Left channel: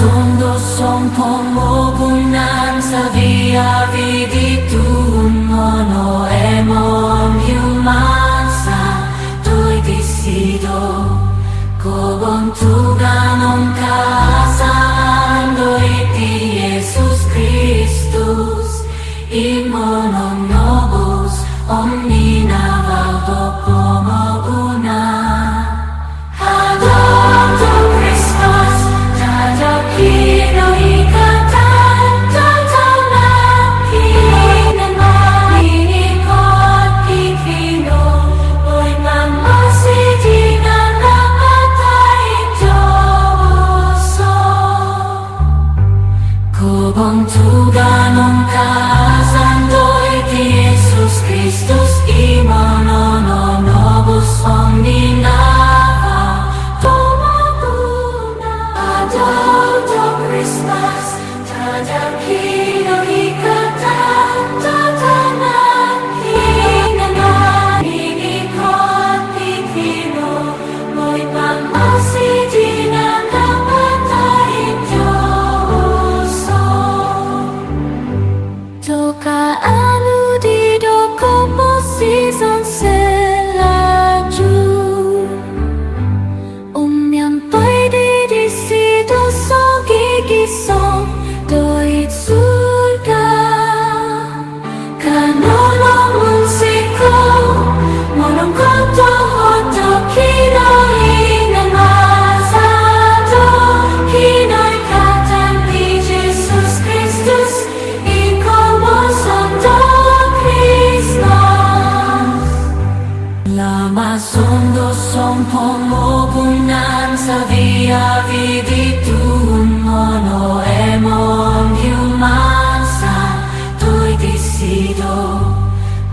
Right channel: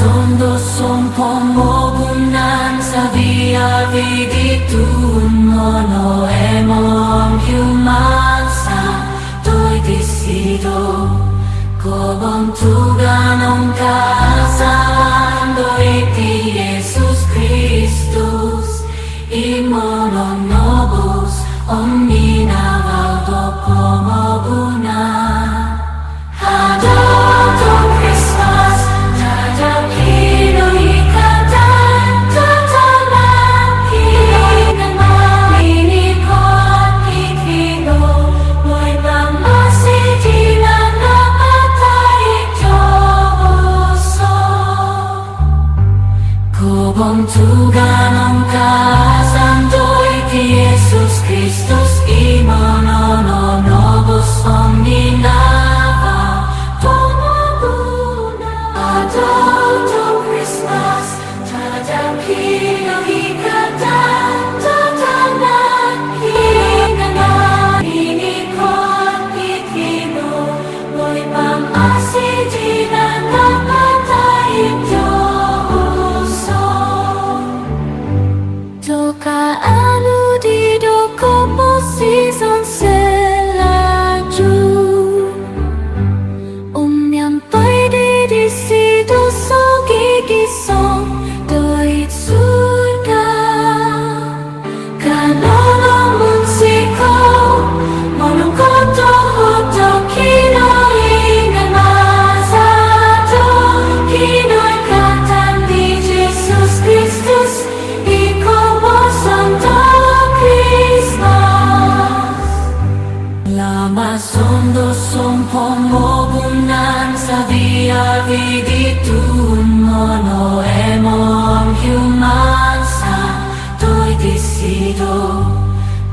sondo som pomogunan sa via viditun mono emon humansa toi disido kobon tuganon kasalan doi ti Jesus Christus imonon nobus omnina valdo pomogunan Adonto Christmas Tadakino ikatan Totanan Kinan Maninikot Ikino Boy pamasijina Napatay Diyoso Kobon tuganon kasandoy Ti Jesus Christus imonono nobus omnina Season selaju Umyampai di situ so gigi song doit surga Kanono munsiko monong koto hoto kinoi nan masato kinoi katan di Jesus Christus ikon mo santo Lama sondo som pomogunan sa via viditun mono emon humansa toi disido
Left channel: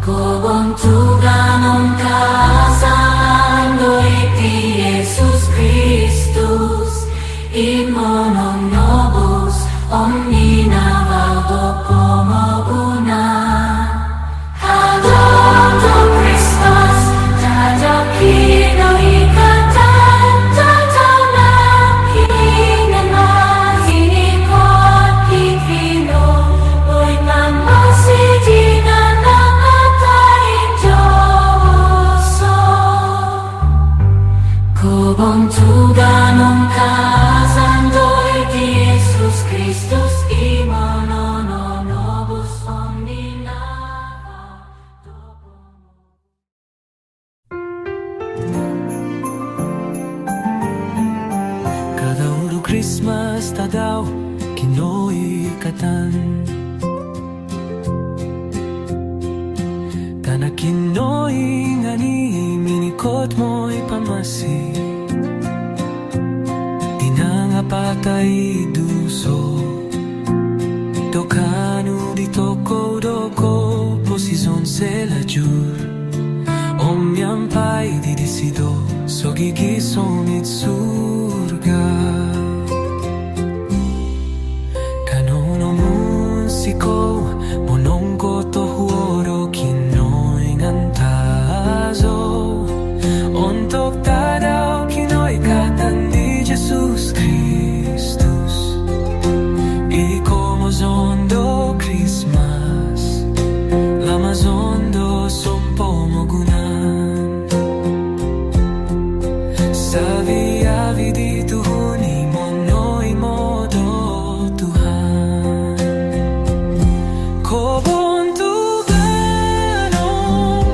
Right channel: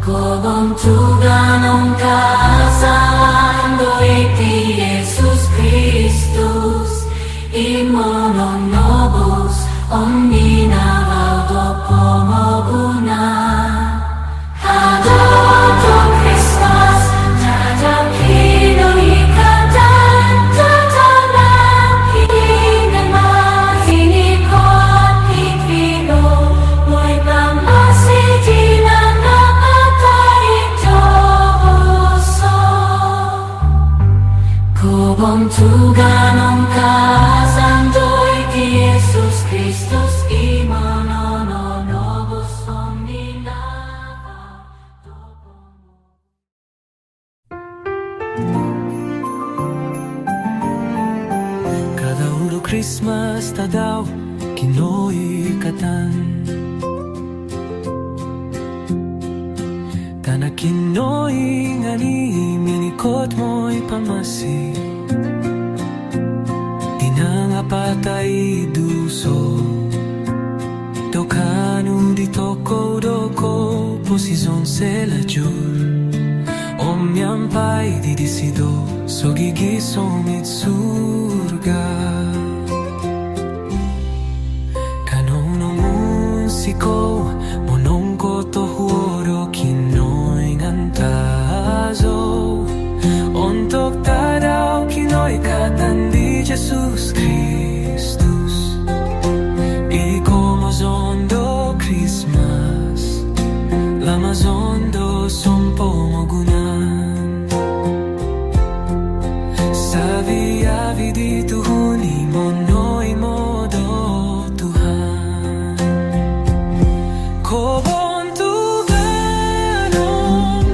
kobon tuganon kasalan doi ti Jesus Christus imonon nobus omnina valdo pomogunan Adonto Christmas Tadakino ikatan Totanan Kinan Maninikot Ikino Boy pamasijina Napatay Diyoso Kobon tuganon kasandoy Ti Jesus Christus imonono nobus omnina Kada uro Christmas tadaw kinoi katan Kana kinoi ngani minikot mo'y pamasi Tinanga patay duso Tokanu di toko doko posizon selajur Omyampai di disido so gigisom it surga Kanono munsiko monongko to huoro kinoy ngantazo Ontok tadaw kinoy katan di Jesus Christus Iko mozondo Christmas Lamazondo som pomogunan Sa via vidituhun imono'y modo Tuhan Kobon tuganon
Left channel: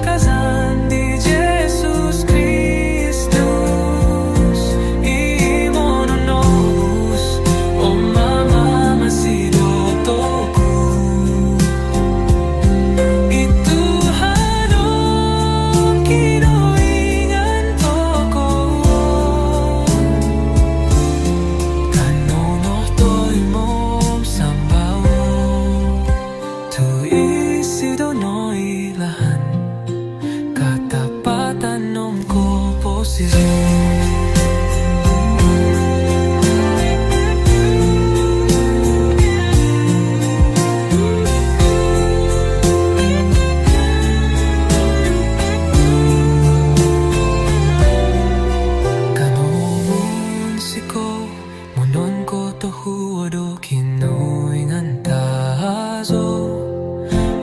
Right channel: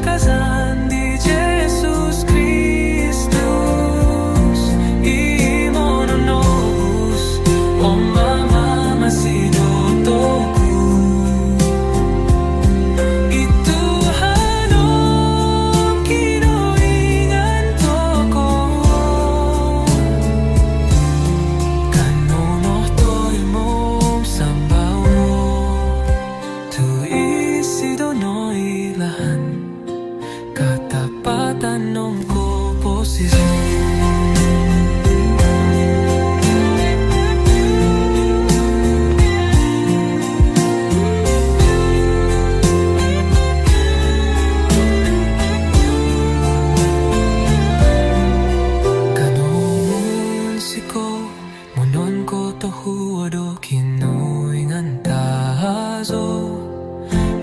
kasan di Jesus Christus Imononobus o mamamasido toku Katapatan nom ko posisyon Kanon siko monon ko tohu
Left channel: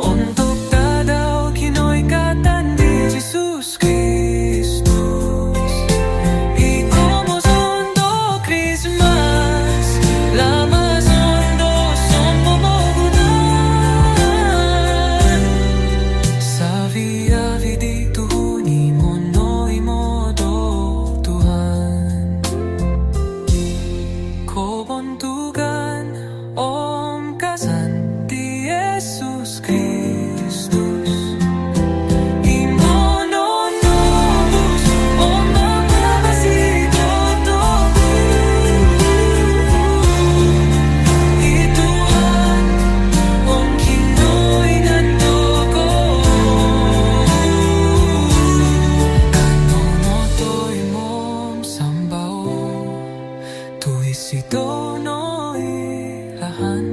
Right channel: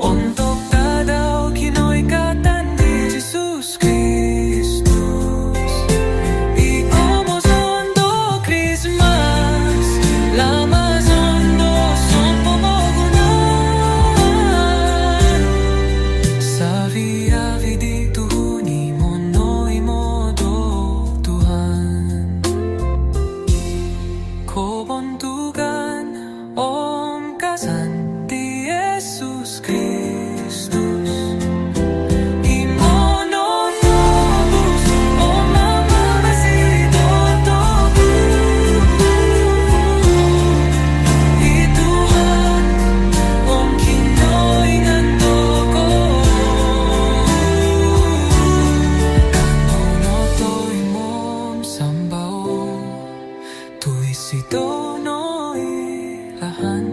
Untuk tadaw kinoy katandi Jesus Kristus. Iko mo sondo Christmas, lama sondo sompomogunan. Savia vidi tuhuni mono imodo Tuhan. Kobontugan om kasan di Jesus Kristus. Imononobus om mamamasito toku. Ituhan om kinoingan toko. Kanonotoy mom sambao. Tuisito no ilahan.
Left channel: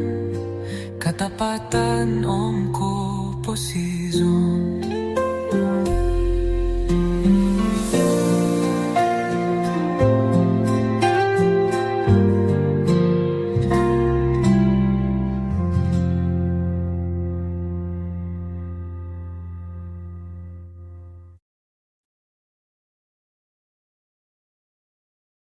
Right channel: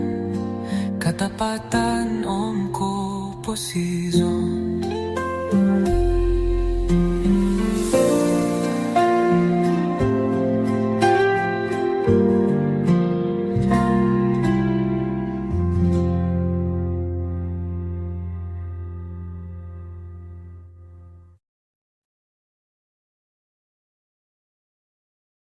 Katapatan om ko posizon.